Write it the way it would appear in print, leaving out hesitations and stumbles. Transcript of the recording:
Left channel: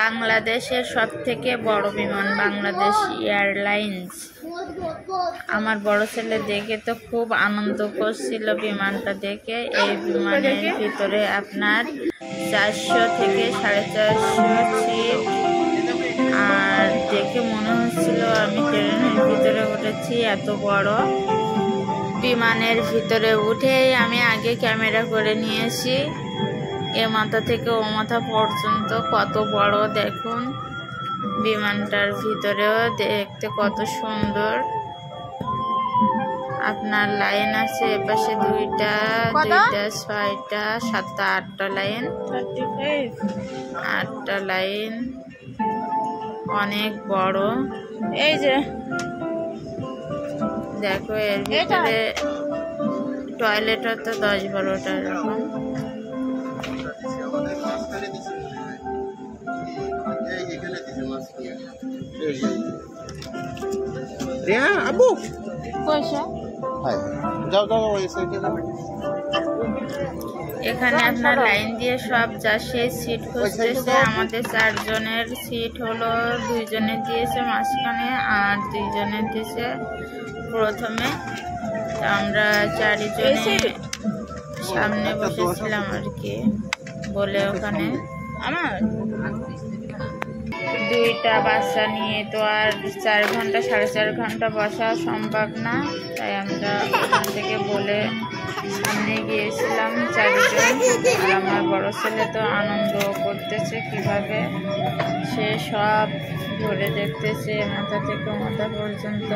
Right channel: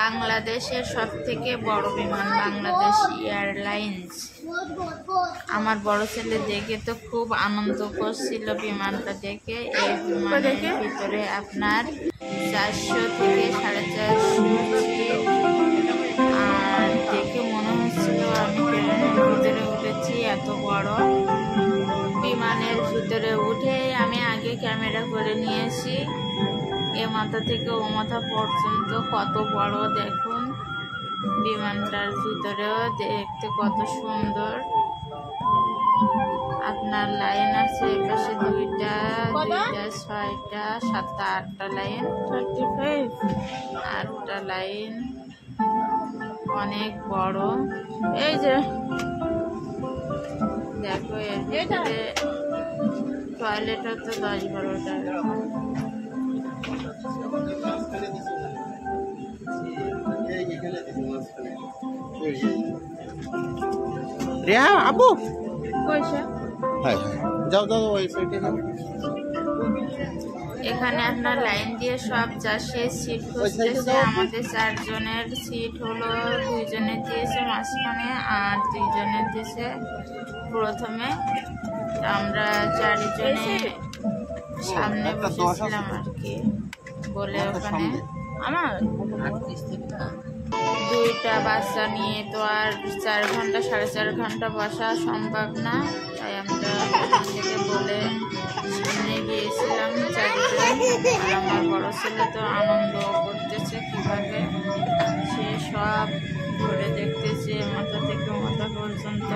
বাংলাদেশের সবথেকে বড় বিমান বাংলাদেশ এয়ারলাইন্স। আমার বড় ছেলে দেখে তো খুব আনন্দ করছিল বিমানটা দেখে। এই বিমানের ভিতরে আপনার 400 থেকে 450 সিট, আর দেখে মনে হচ্ছিল আমি ট্রেনের ভিতরে উঠেছি। এত বড় বিমানের ভিতরে উঠেই আমি আগে ক্যামেরা করে নিয়েছি। এ মাথা থেকে ও মাথা পর্যন্ত কত বড় দেখুন। বিমানটার ভিতরেও দেখতে কত সুন্দর। আপনার লাইন আছে এপাশে দুইটা, 6টা, 7টা, 8টা লাইন, 8টা লাইন, অনেক বড়। এই যে দেখো এর ভিতরে টয়লেটও তো 10-12টা এরকম। আবু পয়সা এখানে আপনার লাইন দিয়ে সব যাচ্ছে, সিট খুঁজতেছে। আমাদের 4 জনের সিট হলো, 2 জনের দিয়েছে মাঝখানে আর 2 জনের দিয়েছে প্রথমে। আমরা 4 জনে সামনে বসেছিলাম আর কি বলে। ওখানে আমার 2টা বাচ্চা নিয়ে তো আর 4 ঘন্টা 4.5 ঘন্টা বসা সম্ভব না, তাই আমরা ওখান থেকে বলে সামনে গিয়েছিলাম 4 জন। আর আমার বড় ছেলে তো আনন্দ করতেছে কিভাবে, সে সব ঘুরে দেখতেছে মাথা থেকে মাথা পর্যন্ত।